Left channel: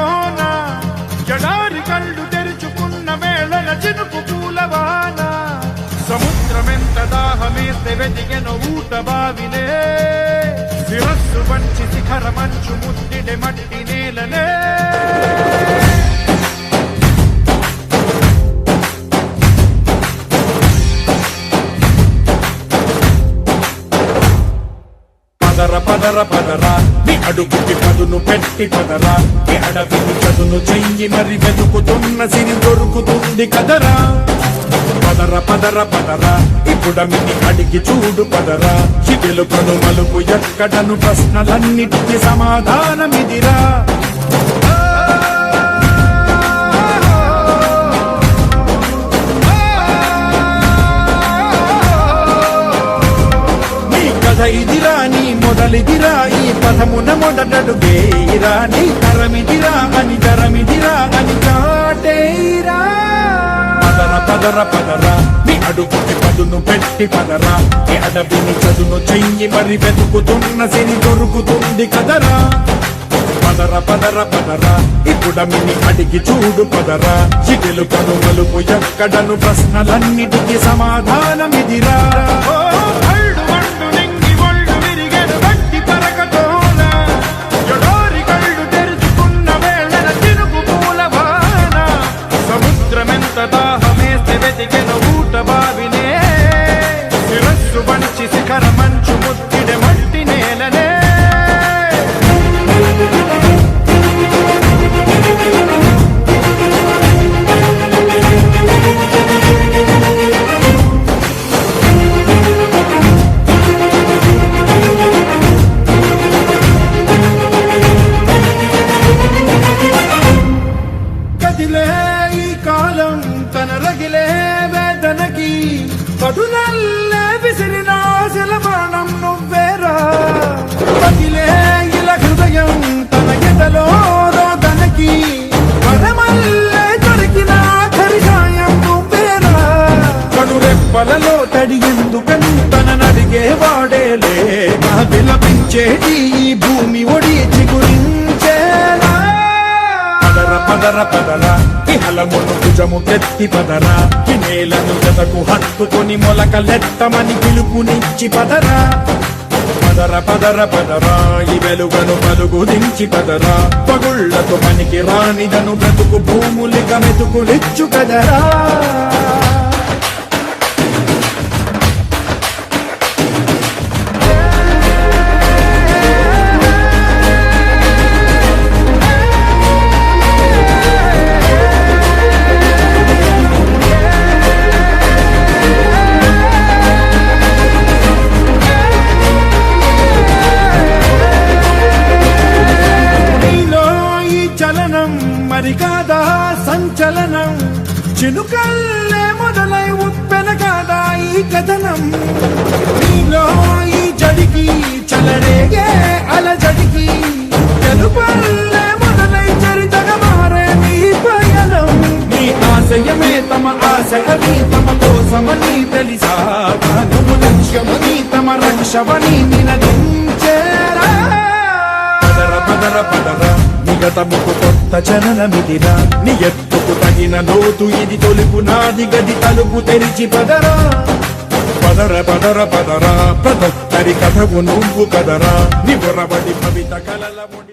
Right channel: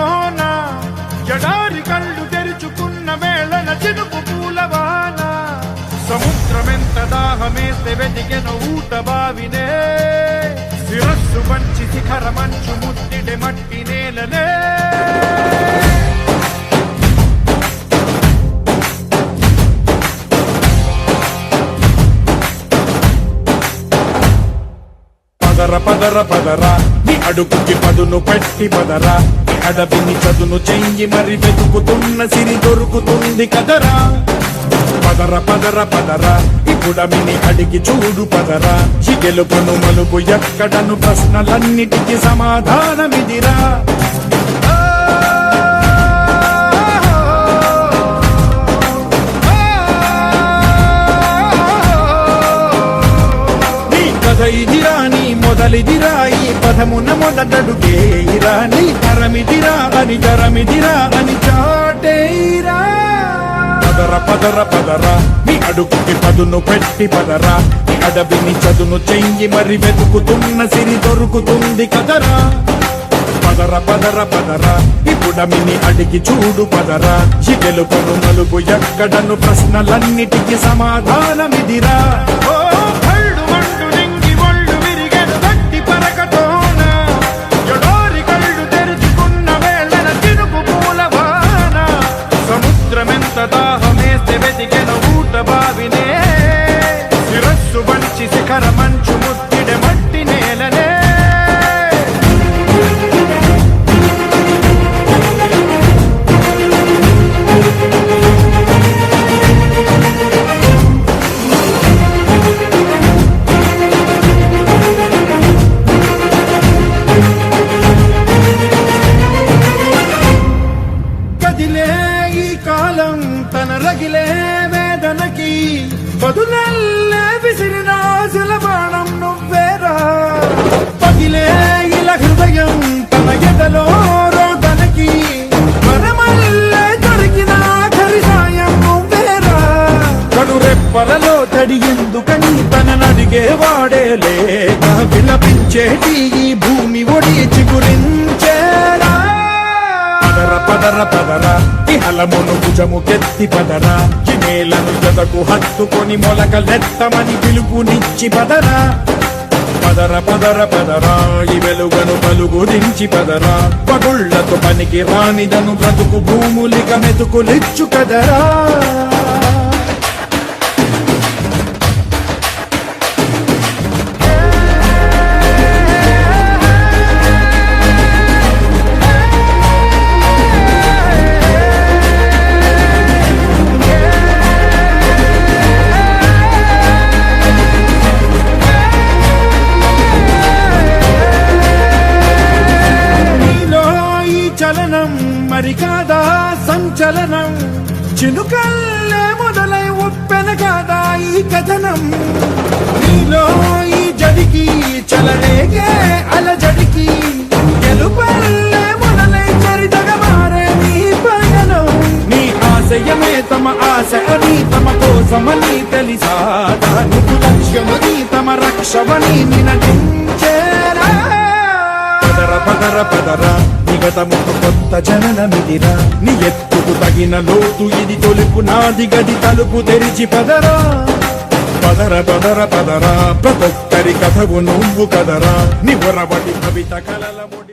పరకతోన ఎడారి కళ్ళు తెరుచుకున్న వేళన చినుకు పూలవాన సముద్రమెంత దాహమేస్తే వెతికెను ఊట బావినే శిరస్సు వంచి శిఖర మంచు ముద్దిడే మట్టి నేలనే పదర పదర పదరా నీ అడుగుకి పదును పెట్టి పదరా నీ అడవిని చదును చెయ్యి మరి వెతుకుతున్న సిరి దొరుకుతుంది కదరా పదర పదర పదరా ఇప్పుడమిని అడిగి చూడు పదరా గెలుపను మలుపు ఎక్కడను ప్రశ్నలన్నిటికీ సమాధానమిదిరా ఇదిరా నీ మొదలిదిరా ఈ పదమున మొదటడుగేయిరా నీ తరమిదిరా అని చాటేరా పదర పదర పదరా నీ అడుగుకి పదును పెట్టి పదరా నీ అడవిని చదును చెయ్యి మరి వెతుకుతున్న సిరి దొరుకుతుంది కదరా పదర పదర పదరా ఇప్పుడమిని అడిగి చూడు పదరా గెలుపను మలుపు ఎక్కడను ప్రశ్నలన్నిటికీ సమాధానమిదిరా ఓ భళ్ళు మండు నింగి ఒళ్ళు విరిగెను గట్టి పరకతోన ఎడారి కళ్ళు తెరుచుకున్న వేళన చినుకు పూలవాన సముద్రమెంత దాహమేస్తే వెతికెను ఊట బావినే శిరస్సు వంచి శిఖర మంచు ముద్దిడే మట్టి నేలనే ఈ కాలం తన రగిలే వేదనకి పదునల్లే విసిరిన ఆశల బాణం నువ్వేరా పగిలే ఇలా హృదయం తన ఎదలో రోదనకి వరమల్లే దొరికిన ఖరిసాయం నువ్వేరా కడురెప్పలలో తడి ఎందుకని తననడిగే వాడేలే విలపించేటి ఈ భూమి ఒడి చిగురించేరా పదర పదర పదరా ఇహలమును భుజము కెత్తి పదరా నేలను జతకు హత్తుకొని మొలకలెత్తమని పిలుపునిచ్చి పదరా పదర పదర పదరా ఈ వెలుగను పలుగు దించి పదరా పగుళ్లకు పనికి రానిదను బ్రతుకు భూములిక మెతుకులిచ్చు కదరా మరి కాదా సంచలనం చినుకల్లే మొదలై ఉప్పెన కాదా ఈ కథనం నీలో ఈ జడికి చలనేగే అలజడికి గెలుపల్లే మొదలై చరితగా మారే నీ పయనం నీ ఆశయమే తమ ఆశ అని తమ కోసమని తెలిసా నువ్వు లక్ష్యమని తమ రక్షమని నినదించేరా పదర పదర పదరా గతముకు కొత్త జననమిదిరా నీ ఎత్తుకు తగిన లోతు ఇది తొలుపు నాది గది తలుపు తెరిచి పదరా పదర పదర పదరా ప్రతొక్కరి కథకు నువ్వు కదరా నివరబడి కవిత కలల